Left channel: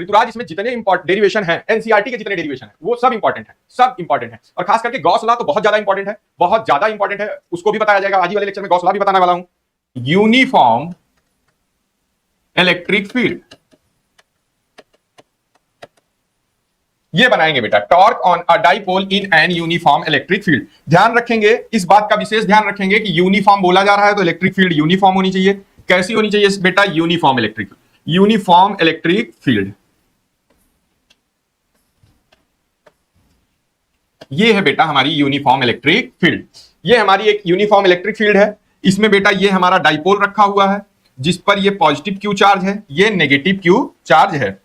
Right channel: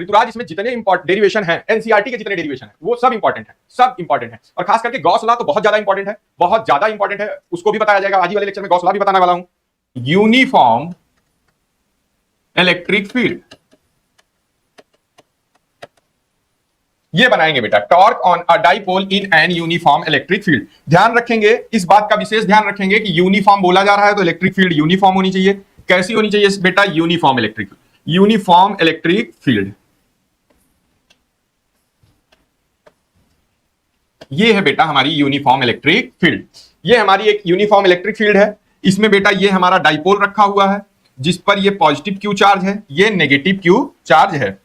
ऋतुराज इसमें जितने डेरिवेशन है, एनसीईआरटी के जितने डेरिवेशन है वो सब इंपॉर्टेंट है, सब इंपॉर्टेंट है। और खास करके गॉस लॉ तो बहुत ज्यादा इंपॉर्टेंट है, बहुत ज्यादा इंपॉर्टेंट है, उसको भी बताया जाएगा आज ही वाले लेक्चर में। गॉस लॉ भी बताने वाला हूं। यूनिफॉर्म इलेक्ट्रिक फील्ड ये बनाएंगे बेटा, torque on a dipole in an uniform electric field. ध्यान रखेंगे, इस बात का विशेष ध्यान रखेंगे कि यूनिफॉर्म बोला जा रहा है तो इलेक्ट्रिक फील्ड यूनिफॉर्म होनी चाहिए। कैसी होनी चाहिए बेटा? Uniform electric field. ये है बेटा हमारी यूनिफॉर्म इलेक्ट्रिक फील्ड। ये हमारी एक यूनिफॉर्म इलेक्ट्रिक फील्ड है। इसमें बेटा ये हमारा डाइपोल रखा हुआ है जिस पर ये पॉजिटिव क्यू चार्ज है, ये नेगेटिव क्यू चार्ज है।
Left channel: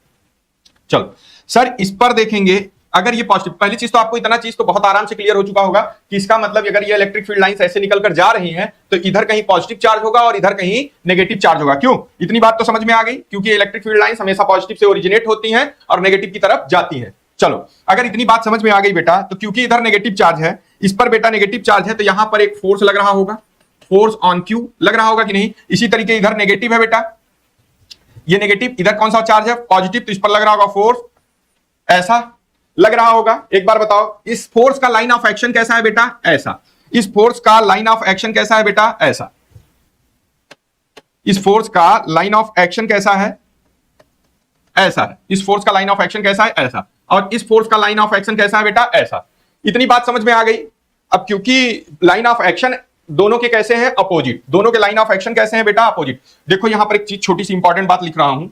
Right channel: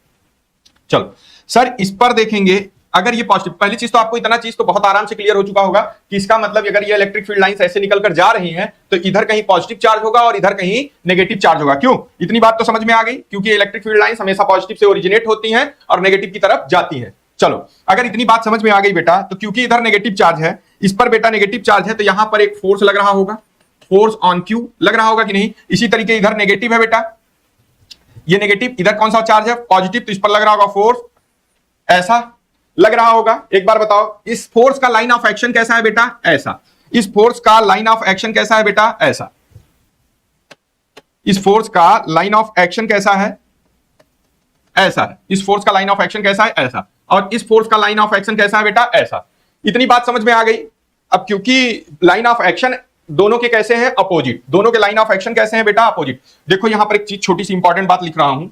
चलो सर इस पर देखेंगे, अगर ये पॉजिटिव, पहली चीज तो आपको इतना चीज तो बहुत आराम से क्लियर हो चुका होगा कि इसका मतलब अगर ये इलेक्ट्रिक फील्ड लाइंस ऐसे निकलकर जा रही हैं तो इधर कहीं पॉजिटिव चार्ज होगा और इधर कहीं नेगेटिव चार्ज होगा। क्यों? इतनी बात तो समझ में आ गई, क्योंकि इलेक्ट्रिक फील्ड लाइंस हमेशा पॉजिटिव से ओरिजिनेट होती हैं और नेगेटिव की तरफ जाती हैं। चलो अगर इतनी बात समझ में आ गई बेटा, तो क्योंकि इधर नेगेटिव चार्ज है, इस पर बेटा नेगेटिव चार्ज है, तो यहां पर एक फोर्स लग रहा होगा, फोर्स ऑन क्यू लग रहा होगा कि नहीं। इसी तरीके इधर नेगेटिव है बेटा, ये नेगेटिव, इधर कौन सा चार्ज है? पॉजिटिव, तो इस पर लग रहा होगा फोर्स, ऐसा लग रहा होगा। एक बार बताओ इस फोर्स का लाइन ऑफ एक्शन कैसा है बेटा? ऐसा। इस फोर्स का लाइन ऑफ एक्शन कैसा है बेटा? ऐसा। इस फोर्स का लाइन ऑफ एक्शन कैसा है? ऐसा है। इस फोर्स का लाइन ऑफ एक्शन कैसा है? ऐसा। और इस फोर्स का लाइन ऑफ एक्शन कैसा है बेटा? ऐसा। इतनी बात समझ में आ गई। अब क्योंकि लाइन ऑफ एक्शन दोनों के कैसे हैं? अपोजिट। दोनों के लाइन ऑफ एक्शन कैसे हैं बेटा? अपोजिट। देखो यहां पर एक चीज, छोटी सी इंपॉर्टेंट बात लिख रहा हूं,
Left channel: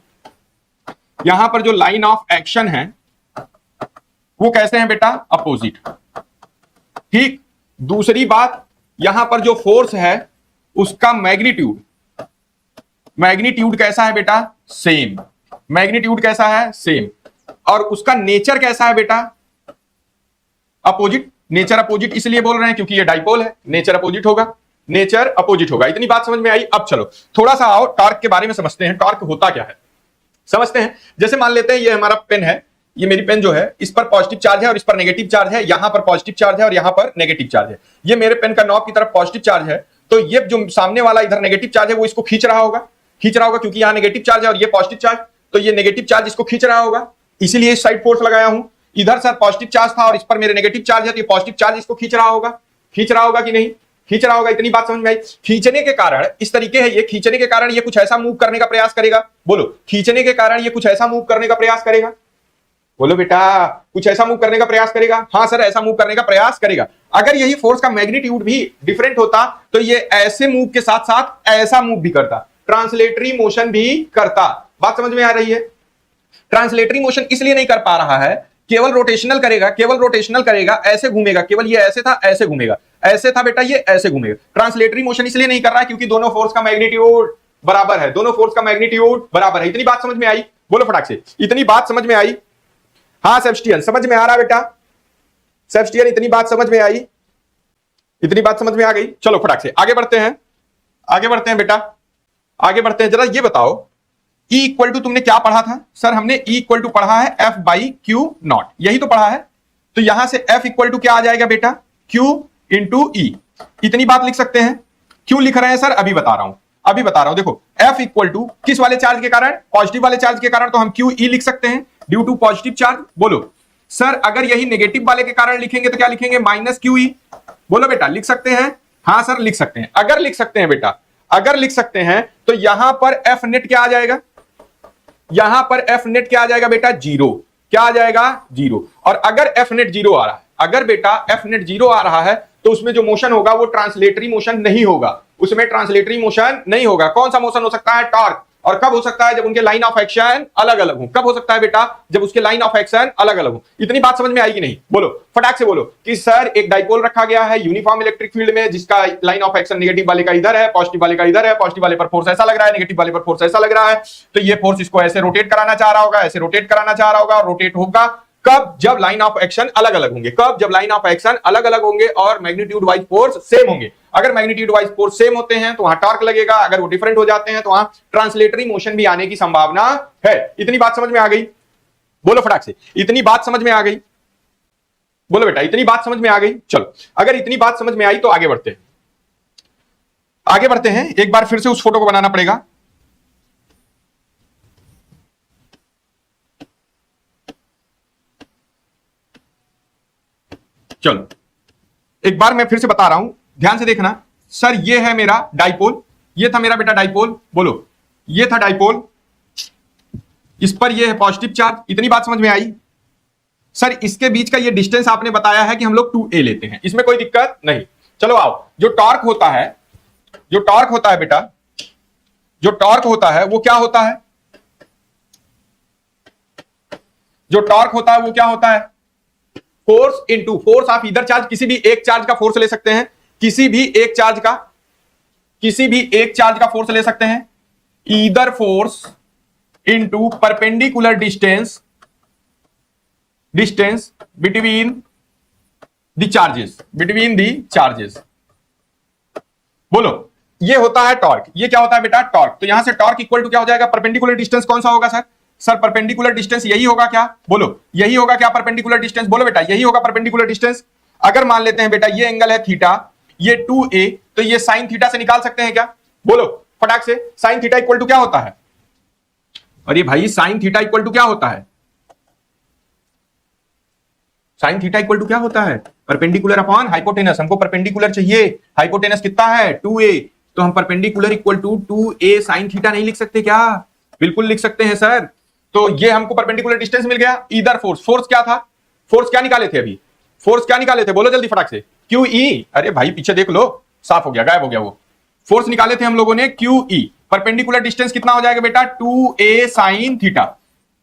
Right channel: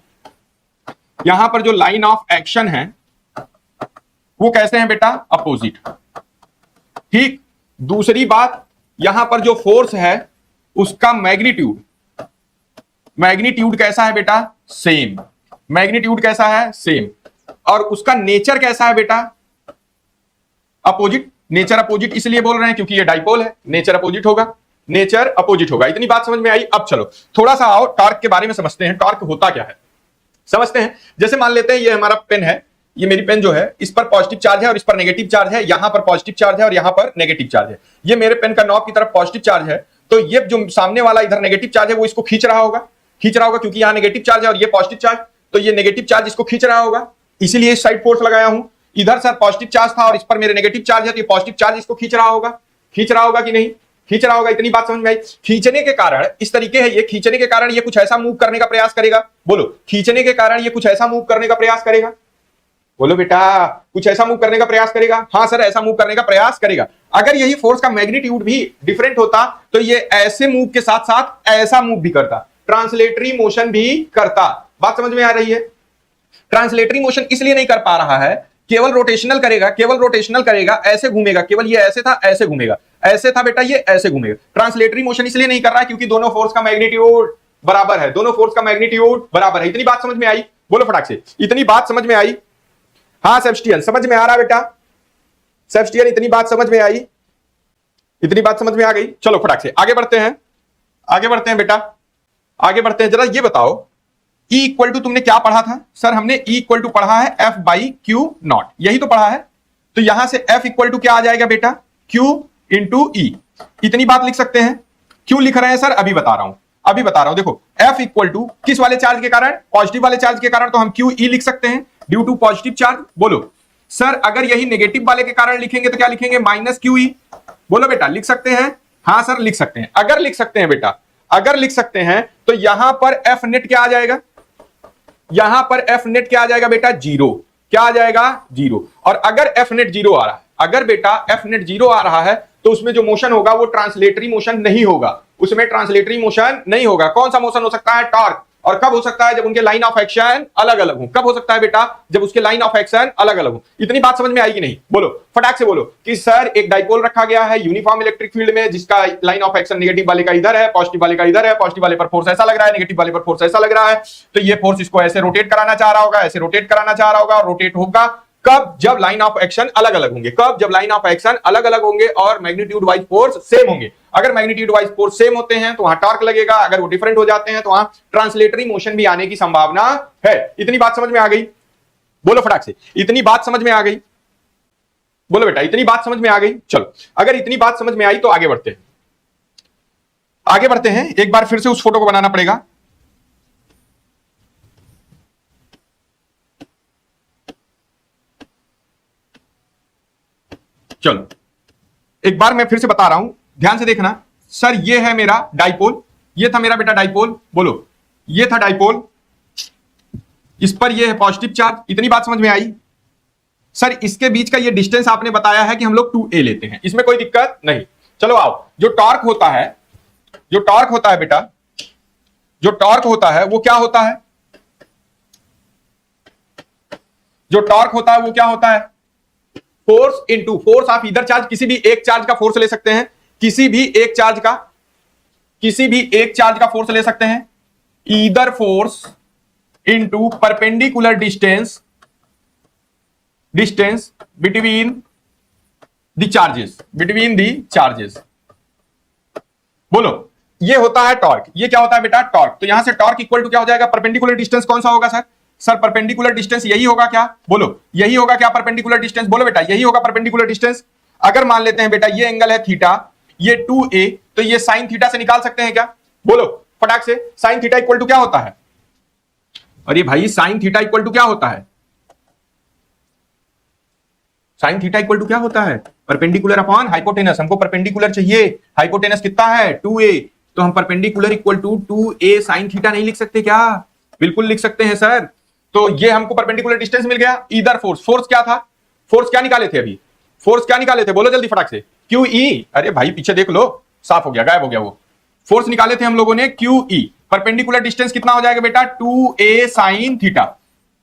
यहां पर जो लाइन ऑफ एक्शन है वो कैसे हैं बेटा? अपोजिट। ठीक। दूसरी बात, यहां पर जो फोर्स है उसका मैग्नीट्यूड कैसा है बेटा? सेम। मैग्नीट्यूड कैसा है? सेम। और उसका नेचर कैसा है बेटा? अपोजिट। नेचर अपोजिट इसलिए बोल रहे हैं क्योंकि ये डाइपोल है, नेचर अपोजिट होगा, नेचर अपोजिट होगा। इतनी बात समझ में आई। अब चलो थोड़ा सा आओ टॉर्क के बारे में समझते हैं। टॉर्क होता क्या है समझते हैं। जैसे मान लेते हैं ये हमारा पेन है, ये मेरी पेन जो है इस पर पॉजिटिव चार्ज है और इस पर नेगेटिव चार्ज है, यहां पर पॉजिटिव चार्ज है और यहां पर नेगेटिव चार्ज है। ये मेरे पेन का नॉब की तरफ पॉजिटिव चार्ज है, तो ये जो सामने वाला इधर नेगेटिव चार्ज है वो इसको खींच रहा होगा, क्योंकि यहां नेगेटिव चार्ज है और ये पॉजिटिव चार्ज, तो ये नेगेटिव चार्ज इसको खींच रहा होगा, इसीलिए इस साइड फोर्स लगाया हूं। इधर सर पॉजिटिव चार्ज था और इस पर मेरे नेगेटिव चार्ज है, तो ये पॉजिटिव चार्ज इसको खींच रहा होगा कि नहीं? खींच रहा होगा। इतनी बात समझ में आई। खींचने के कारण इस तरीके है, ये खींचने के कारण ये कुछ ऐसा मूव करने का प्रयास करेगा। बोलो, खींचने के कारण ये कुछ ऐसा मूव करने का प्रयास करेगा। बोलो बेटा, कुछ ऐसा मूव करने का प्रयास करेगा। हाँ सर, ऐसा मूव करने का प्रयास करेगा। अगर यही फोर्स का मैग्नीट्यूड भी डिफरेंट होता तो ये ऐसे मूव के साथ साथ ऐसा मूव भी करता, ट्रांसलेटरी मोशन भी करता। बात समझ में आ रही है? ट्रांसलेटरी मोशन इसलिए नहीं कर पा रहा है, केवल रोटेशनल करेगा, ऐसे घूमेगा, केवल ये ऐसे था, ऐसे घूमेगा, ऐसे था बेटा, ये ऐसे घूमेगा। ट्रांसलेटरी मोशन इसलिए नहीं कर रहा क्योंकि दोनों फोर्स का मैग्नीट्यूड बराबर है। इतनी बात समझ में आई? बोलो फटाक से, इतनी बात समझ में आई? हाँ सेबस्टियन, समझ में आ रहा बेटा? सेबस्टियन, इतनी बात समझ में आई? इतनी बात समझ में आ गई? चलो फटाक से आगे बढ़ते हैं बेटा, आगे बढ़ते हैं। जरा ये बताओ E इक्वल टू तुमने क्या पढ़ा था? सर हमने E इक्वल टू पढ़ा है F बाई क्यू नॉट, यही तो पढ़ा है। तो यहां से F इक्वल टू क्या आ जाएगा बेटा? Q into E। इतनी बात लिख सकते हैं। क्यों लिख रहे हैं सर? अभी बता रहा हूं। देखो F इक्वल टू किस वाले चार्ज के कारण? पॉजिटिव वाले चार्ज के कारण, तो हम QE लिख सकते हैं ड्यू टू पॉजिटिव चार्ज। बोलो सर, अगर यही नेगेटिव वाले के कारण लिखेंगे तो क्या लिखेंगे? Minus QE। बोलो बेटा, लिख सकते हैं? हाँ सर लिख सकते हैं। अगर लिख सकते हैं बेटा, अगर लिख सकते हैं तो यहां पर F नेट क्या आ जाएगा? यहां पर F नेट क्या आ जाएगा बेटा? जीरो। क्या आ जाएगा? जीरो। और अगर F नेट जीरो आ रहा है, अगर बेटा F नेट जीरो आ रहा है तो उसमें जो मोशन होगा वो ट्रांसलेटरी मोशन नहीं होगा, कौन सा मोशन हो सकता है? टॉर्क। और कब हो सकता है? जब उनके लाइन ऑफ एक्शन अलग अलग हो। कब हो सकता है बेटा? जब उसके लाइन ऑफ एक्शन अलग अलग हो। इतनी बात समझ में आई कि नहीं? बोलो फटाक से बोलो कि सर एक डाइपोल रखा गया है यूनिफॉर्म इलेक्ट्रिक फील्ड में जिसका लाइन ऑफ एक्शन नेगेटिव वाले का इधर है, पॉजिटिव वाले का इधर है। पॉजिटिव वाले पर फोर्स ऐसा लग रहा है, नेगेटिव वाले पर फोर्स ऐसा लग रहा है, तो ये फोर्स इसको ऐसे रोटेट कराना चाह रहा होगा, रोटेट होगा। कब? जब लाइन ऑफ एक्शन अलग अलग होंगे और मैग्नीट्यूड वाइज फोर्स सेम होंगे। अगर मैग्नीट्यूड वाइज फोर्स सेम होते हैं तो वहां टॉर्क लगेगा, अगर वो डिफरेंट हो जाते हैं तो वहां ट्रांसलेटरी मोशन भी आने की संभावना है। इतनी बात समझ में आ गई? बोलो फटाक से, इतनी बात समझ में आ गई? बोलो बेटा, इतनी बात समझ में आ गई? चलो, अगर इतनी बात समझ में आई तो आगे बढ़ते हैं। एक बार फिर से उस फोटो को बनाना पड़ेगा। चलो एक बार मैं फिर से बता रहा हूं, ध्यान से देखना। सर ये है मेरा डाइपोल, ये था मेरा बेटा डाइपोल, बोलो ये था डाइपोल, इस पर ये है पॉजिटिव चार्ज। इतनी बात समझ में आई? सर इसके बीच का ये डिस्टेंस आपने बताया है कि हम लोग 2a लेते हैं, इसमें कोई दिक्कत नहीं। चलो आओ, जो टॉर्क होता है, जो टॉर्क होता है बेटा, जो टॉर्क होता है वो क्या होता है? जो टॉर्क होता है वो क्या होता है? Force into force of either charge. किसी भी एक चार्ज का फोर्स ले सकते हैं, किसी भी एक चार्ज का, किसी भी एक चार्ज का फोर्स ले सकते हैं। Either force into perpendicular distance, distance between the charges, between the charges. बोलो ये होता है टॉर्क। ये क्या होता है बेटा? टॉर्क। तो यहां से टॉर्क इक्वल टू क्या हो जाएगा? परपेंडिकुलर डिस्टेंस कौन सा होगा सर? सर परपेंडिकुलर डिस्टेंस यही होगा क्या? बोलो यही होगा क्या परपेंडिकुलर डिस्टेंस? बोलो बेटा यही होगा परपेंडिकुलर डिस्टेंस। अगर मान लेते हैं बेटा ये एंगल है थीटा, ये 2a, तो ये साइन थीटा से निकाल सकते हैं क्या? बोलो फटाक से, साइन थीटा इक्वल टू क्या होता है? अरे भाई साइन थीटा इक्वल टू क्या होता है? साइन थीटा इक्वल टू क्या होता है? Perpendicular upon hypotenuse. हमको परपेंडिकुलर चाहिए, हाइपोटेनस कितना है? 2a, तो हम perpendicular equal to 2a sine theta नहीं लिख सकते क्या? बिल्कुल लिख सकते हैं सर। तो ये हमको परपेंडिकुलर डिस्टेंस मिल गया। ईदर फोर्स, फोर्स क्या था? फोर्स क्या निकाले थे अभी? फोर्स क्या निकाले थे? बोलो जल्दी फटाक से। QE। अरे भाई पीछे देख लो, साफ हो गया, गायब हो गया वो। फोर्स निकाले थे हम लोगों ने QE। परपेंडिकुलर डिस्टेंस कितना हो जाएगा बेटा? 2a sine theta.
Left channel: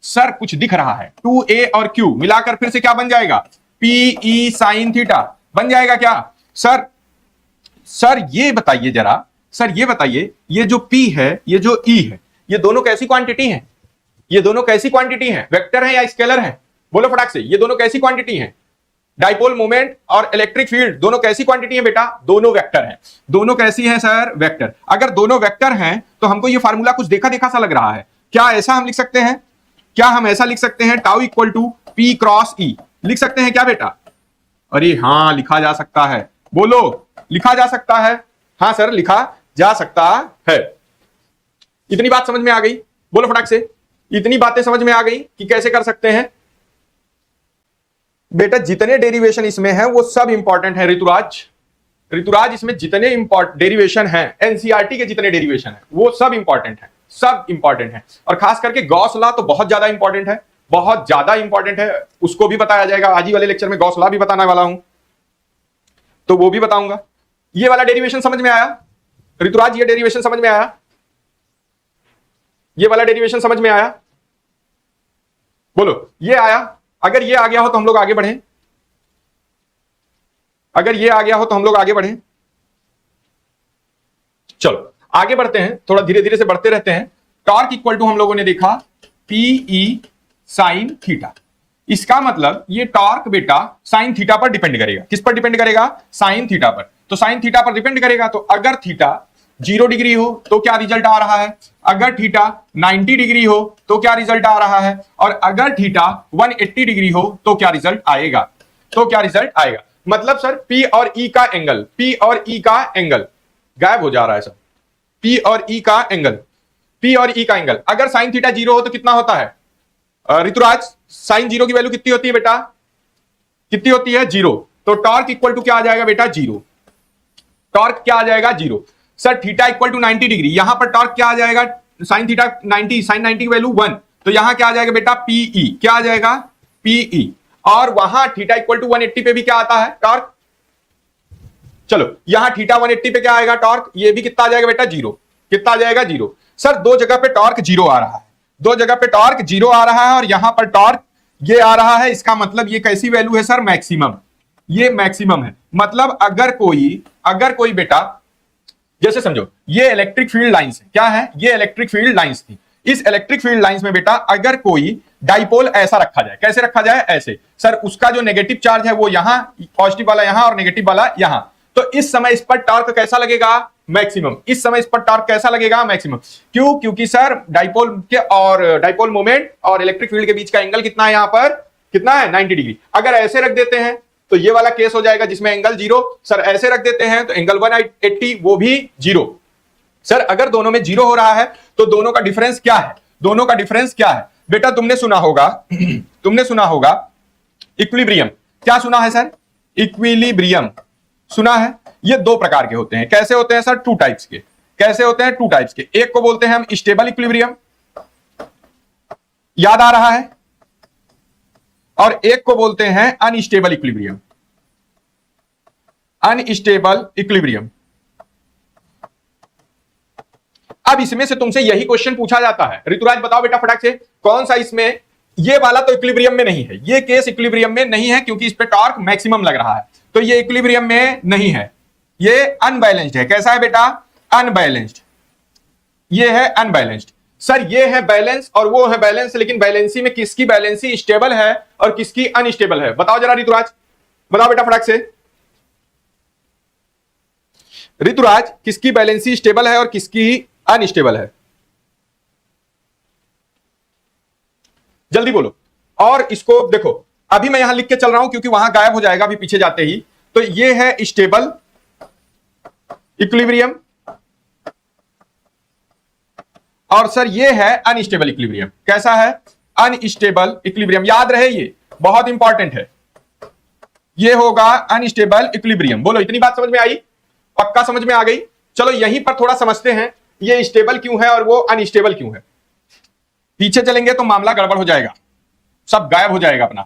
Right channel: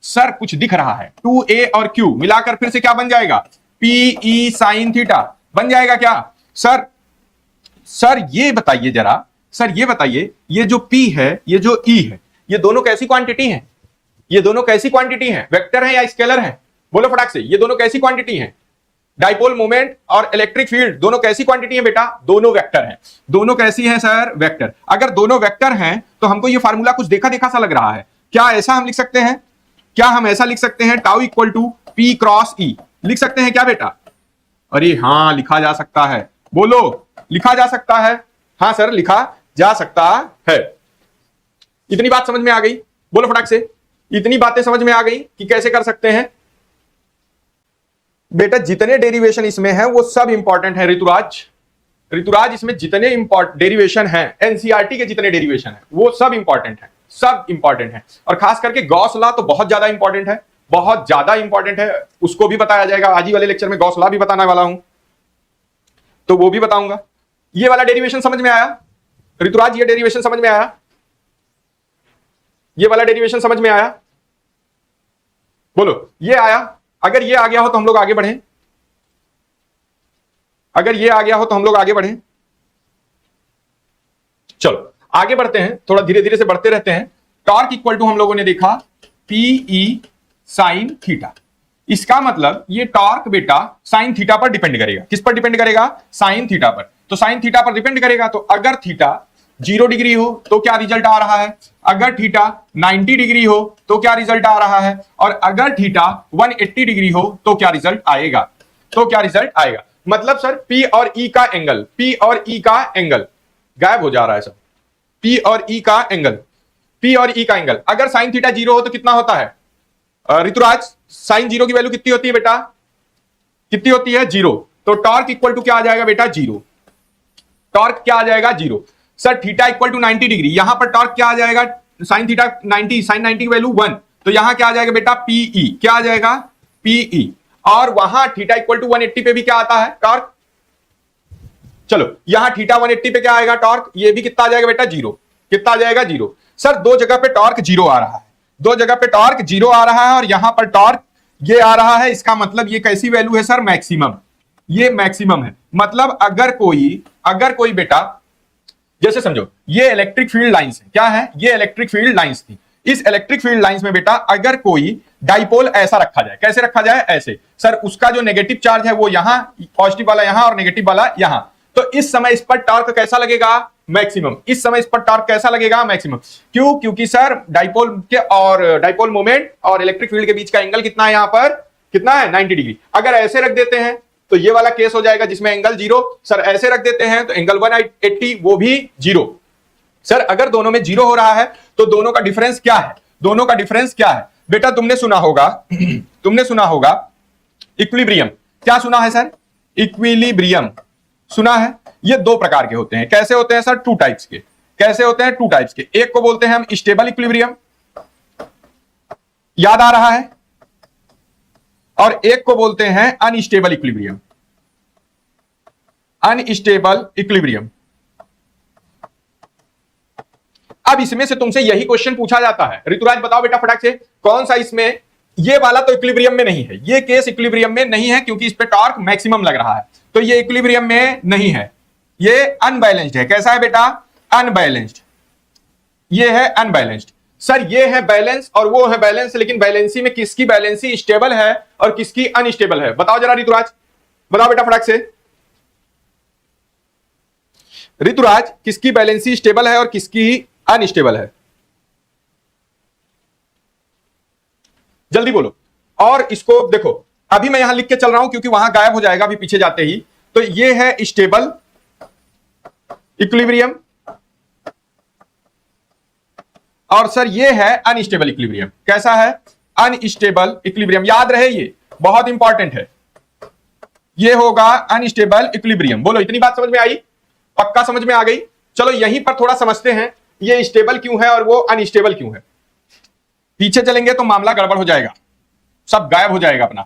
सर कुछ दिख रहा है, 2a और q मिलाकर फिर से क्या बन जाएगा? PE साइन थीटा बन जाएगा क्या? सर सर ये बताइए जरा, सर ये बताइए, ये जो P है, ये जो E है, ये दोनों कैसी क्वांटिटी है? ये दोनों कैसी क्वांटिटी है? वेक्टर है या स्केलर है? बोलो फटाक से, ये दोनों कैसी क्वांटिटी है? डाइपोल मोमेंट और इलेक्ट्रिक फील्ड दोनों कैसी क्वांटिटी है बेटा? दोनों वेक्टर हैं। दोनों कैसी है सर? वेक्टर। अगर दोनों वेक्टर हैं तो हमको ये फार्मूला कुछ देखा देखा सा लग रहा है। क्या ऐसा हम लिख सकते हैं? क्या हम ऐसा लिख सकते हैं? Tau equal to P cross E लिख सकते हैं क्या बेटा? अरे हाँ लिखा जा सकता है। बोलो लिखा जा सकता है? हाँ सर लिखा जा सकता है। इतनी बात समझ में आ गई? बोलो फटाक से, इतनी बातें समझ में आ गई कि कैसे कर सकते हैं बेटा? जितने डेरिवेशन इसमें है वो सब इंपॉर्टेंट है ऋतुराज। ऋतुराज इसमें जितने डेरिवेशन है, एनसीईआरटी के जितने डेरिवेशन है वो सब इंपॉर्टेंट है, सब इंपॉर्टेंट है। और खास करके गॉस लॉ तो बहुत ज्यादा इंपॉर्टेंट है, बहुत ज्यादा इंपॉर्टेंट है। उसको भी बताया जाएगा आज ही वाले लेक्चर में, गॉस लॉ भी बताने वाला हूं तो वो भी बताऊंगा। ये वाला डेरिवेशन समझ में आया ऋतुराज? ये डेरिवेशन समझ में आया? ये वाला डेरिवेशन समझ में आया? बोलो ये आया? अगर ये आ गया हो तो हम लोग आगे बढ़े, अगर ये आ गया हो तो हम लोग आगे बढ़े। चलो आगे बढ़ते हैं, थोड़ा धीरे धीरे से बढ़ते रहते हैं। टॉर्क इक्वल टू हम लोगों ने देखा PE साइन थीटा। इसका मतलब ये टॉर्क बेटा साइन थीटा पर डिपेंड करेगा। किस पर डिपेंड करेगा? साइन थीटा पर। तो साइन थीटा पर डिपेंड करेगा, तो अगर थीटा 0 डिग्री हो तो क्या रिजल्ट आ रहा है? अगर थीटा 90 डिग्री हो तो क्या रिजल्ट आ रहा है? और अगर थीटा 180 डिग्री हो तो क्या रिजल्ट आएगा? तो क्या रिजल्ट आएगा? मतलब सर P और E का एंगल, P और E का एंगल गायब हो जा रहा है सर। P और E का एंगल, P और E का एंगल अगर साइन थीटा 0 हो तो कितना होता है ऋतुराज? साइन 0 की वैल्यू कितनी होती है बेटा? कितनी होती है? 0। तो टॉर्क इक्वल टू क्या आ जाएगा बेटा? 0। टॉर्क क्या आ जाएगा? 0। Sir theta equal to 90 degree, यहां पर टॉर्क क्या आ जाएगा? साइन थीटा 90, साइन 90 की वैल्यू 1, तो यहां क्या आ जाएगा बेटा? PE। क्या आ जाएगा? PE। और वहां थीटा इक्वल टू 180 पे भी क्या आता है? टॉर्क। चलो यहां थीटा 180 पे क्या आएगा? टॉर्क। ये भी कितना आ जाएगा बेटा? 0। कितना आ जाएगा? 0। सर दो जगह पे टॉर्क 0 आ रहा है, दो जगह पे टॉर्क 0 आ रहा है और यहां पर टॉर्क ये आ रहा है। इसका मतलब ये कैसी वैल्यू है सर? मैक्सिमम। ये मैक्सिमम है। मतलब अगर कोई बेटा, जैसे समझो ये इलेक्ट्रिक फील्ड लाइंस है, क्या है? ये इलेक्ट्रिक फील्ड लाइंस थी। इस इलेक्ट्रिक फील्ड लाइंस में बेटा अगर कोई डाइपोल ऐसा रखा जाए, कैसे रखा जाए? ऐसे। सर उसका जो नेगेटिव चार्ज है वो यहां, पॉजिटिव वाला यहां और नेगेटिव वाला यहां, तो इस समय इस पर टॉर्क कैसा लगेगा? मैक्सिमम। इस समय इस पर टॉर्क कैसा लगेगा? मैक्सिमम। क्यों? क्योंकि सर डाइपोल के और डाइपोल मोमेंट और इलेक्ट्रिक फील्ड के बीच का एंगल कितना है? यहां पर कितना है? 90 डिग्री। अगर ऐसे रख देते हैं तो ये वाला केस हो जाएगा जिसमें एंगल 0। सर ऐसे रख देते हैं तो एंगल 180, वो भी 0। सर अगर दोनों में 0 हो रहा है तो दोनों का डिफरेंस क्या है? दोनों का डिफरेंस क्या है बेटा? तुमने सुना होगा इक्विलिब्रियम। क्या सुना है सर? इक्विलिब्रियम सुना है? ये दो प्रकार के होते हैं। कैसे होते हैं सर? टू टाइप्स के। कैसे होते हैं? टू टाइप्स के। एक को बोलते हैं हम स्टेबल इक्विलिब्रियम, याद आ रहा है, और एक को बोलते हैं अनस्टेबल इक्विलिब्रियम। Unstable equilibrium. अब इसमें से तुमसे यही क्वेश्चन पूछा जाता है, ऋतुराज बताओ बेटा फटाक से, कौन सा इसमें, ये वाला तो इक्विलिब्रियम में नहीं है, ये केस इक्विलिब्रियम में नहीं है क्योंकि इस पे टॉर्क मैक्सिमम लग रहा है, तो ये इक्विलिब्रियम में नहीं है, ये अनबैलेंस्ड है। कैसा है बेटा? अनबैलेंस्ड। ये है अनबैलेंस्ड। सर ये है बैलेंस और वो है बैलेंस, लेकिन बैलेंसी में किसकी बैलेंसी स्टेबल है और किसकी अनस्टेबल है? बताओ जरा ऋतुराज, बताओ बेटा फटाक से। ऋतुराज, किसकी बैलेंसी स्टेबल है और किसकी अनस्टेबल है? जल्दी बोलो। और इसको देखो, अभी मैं यहां लिख के चल रहा हूं क्योंकि वहां गायब हो जाएगा अभी पीछे जाते ही। तो ये है स्टेबल इक्विलिब्रियम और सर ये है अनस्टेबल इक्विलिब्रियम। कैसा है? Unstable equilibrium. याद रहे, ये बहुत इंपॉर्टेंट है, ये होगा अनस्टेबल इक्विलिब्रियम। बोलो इतनी बात समझ में आई? पक्का समझ में आ गई? चलो यहीं पर थोड़ा समझते हैं, ये स्टेबल क्यों है और वो अनस्टेबल क्यों है। पीछे चलेंगे तो मामला गड़बड़ हो जाएगा, सब गायब हो जाएगा अपना।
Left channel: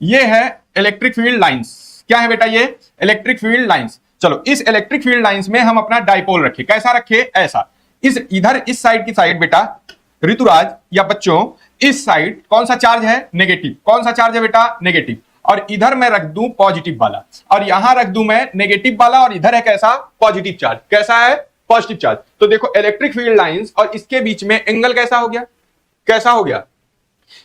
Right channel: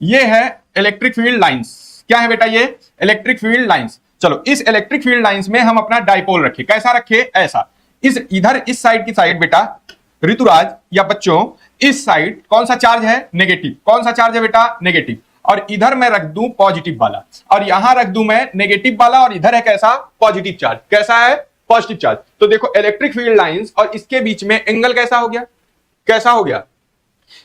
ये है इलेक्ट्रिक फील्ड लाइंस। क्या है बेटा? ये इलेक्ट्रिक फील्ड लाइंस। चलो इस इलेक्ट्रिक फील्ड लाइंस में हम अपना डाइपोल रखे। कैसा रखे? ऐसा। इस इधर इस साइड की साइड बेटा ऋतुराज या बच्चों, इस साइड कौन सा चार्ज है? नेगेटिव। कौन सा चार्ज है बेटा? नेगेटिव। और इधर मैं रख दूं पॉजिटिव वाला, और यहां रख दूं मैं नेगेटिव वाला, और इधर है कैसा? Positive charge. कैसा है? Positive charge. तो देखो इलेक्ट्रिक फील्ड लाइंस और इसके बीच में एंगल कैसा हो गया? कैसा हो गया?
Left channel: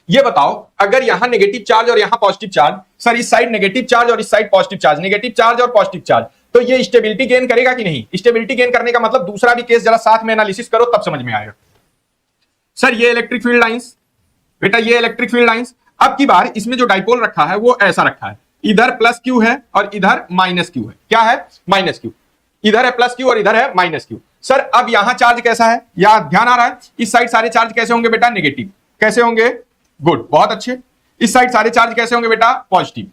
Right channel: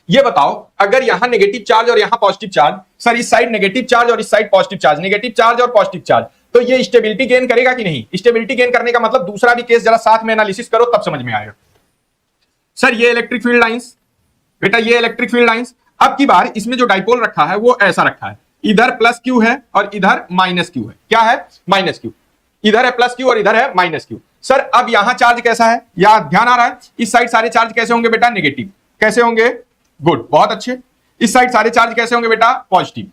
ये बताओ, अगर यहां नेगेटिव चार्ज और यहां पॉजिटिव चार्ज, सर इस साइड नेगेटिव चार्ज और इस side positive charge, negative charge और पॉजिटिव चार्ज, तो ये स्टेबिलिटी गेन करेगा कि नहीं? स्टेबिलिटी गेन करने का मतलब दूसरा भी केस जरा साथ में एनालिसिस करो तब समझ में आएगा। सर ये इलेक्ट्रिक फील्ड लाइंस बेटा, ये इलेक्ट्रिक फील्ड लाइंस। अब की बार इसमें जो डाइपोल रखा है वो ऐसा रखा है, इधर प्लस क्यू है और इधर माइनस क्यू है। क्या है? Minus Q. इधर है प्लस क्यू और इधर है माइनस क्यू। सर अब यहां चार्ज कैसा है? या ध्यान आ रहा है? इस साइड सारे चार्ज कैसे होंगे बेटा? नेगेटिव। कैसे होंगे? गुड, बहुत अच्छे। इस साइड सारे चार्ज कैसे होंगे बेटा? पॉजिटिव।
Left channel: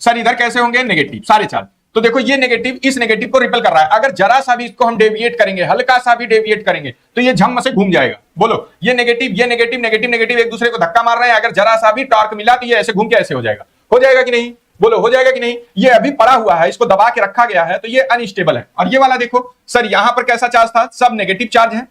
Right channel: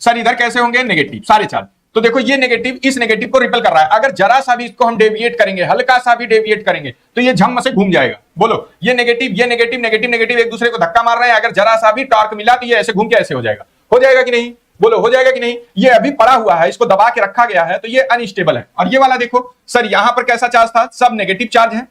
सर इधर कैसे होंगे? नेगेटिव सारे चार्ज। तो देखो ये नेगेटिव इस नेगेटिव को रिपल कर रहा है, अगर जरा सा भी इसको हम डेविएट करेंगे, हल्का सा भी डेविएट करेंगे, तो ये झंग से घूम जाएगा। बोलो, ये नेगेटिव ये नेगेटिव नेगेटिव नेगेटिव एक दूसरे को धक्का मार रहे हैं, अगर जरा सा भी टॉर्क मिला तो ये ऐसे घूम के ऐसे हो जाएगा। हो जाएगा कि नहीं? बोलो हो जाएगा कि नहीं? ये अभी पड़ा हुआ है, इसको दबा के रखा गया है, तो ये अनस्टेबल है। और ये वाला देखो सर, यहां पर कैसा चार्ज था? सब नेगेटिव चार्ज है,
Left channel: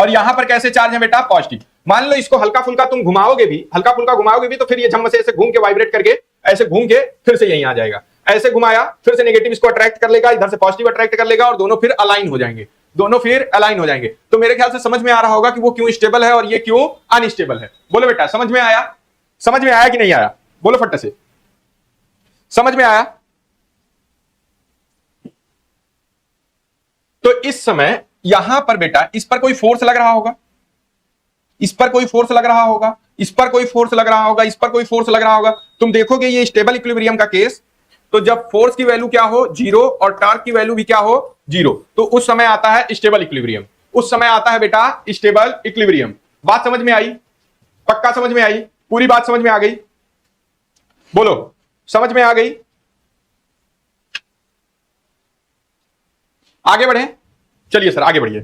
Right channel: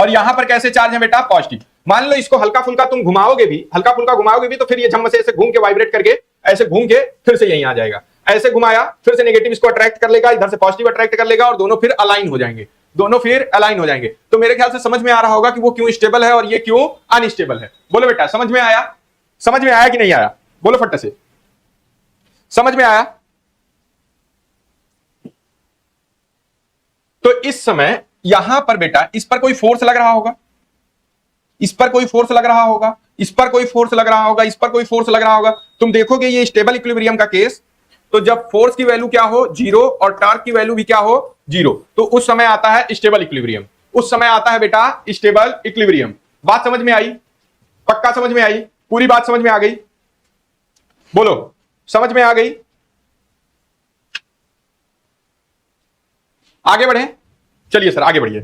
और यहां पर कैसे चार्ज है बेटा? पॉजिटिव। मान लो इसको हल्का फुल्का तुम घुमाओगे भी, हल्का फुल्का घुमाओगे भी, तो फिर ये झम से ऐसे घूम के वाइब्रेट करके ऐसे घूम के फिर से यहीं आ जाएगा। ऐसे घुमाया फिर से नेगेटिव इसको अट्रैक्ट कर लेगा, इधर से पॉजिटिव अट्रैक्ट कर लेगा, और दोनों फिर अलाइन हो जाएंगे। दोनों फिर अलाइन हो जाएंगे। तो मेरे ख्याल से समझ में आ रहा होगा कि वो क्यों स्टेबल है और ये क्यों अनस्टेबल है। बोलो बेटा, समझ में आया? समझ में आया कि नहीं आया? बोलो फट्टे से, समझ में आया? तो इस समय यहां पर बेटा इस पर कोई फोर्स लग रहा होगा, इस पर कोई फोर्स लग रहा होगा, इस पर कोई फोर्स लग रहा होगा, इस पर कोई फोर्स लग रहा होगा। तुम देखोगे ये स्टेबल इक्विलिब्रियम का केस, तो जब फोर्स की वैल्यू क्या हो? जीरो, और टॉर्क की वैल्यू भी क्या हो? जीरो, तो उस समय आता है स्टेबल इक्विलिब्रियम। उस समय आता है बेटा स्टेबल इक्विलिब्रियम। बात समझ में आई? पक्का समझ में आई? पूरी बात समझ में आ गई? बोलो, समझ में आ गई? आगे बढ़े, चलिए सर आगे बढ़िए।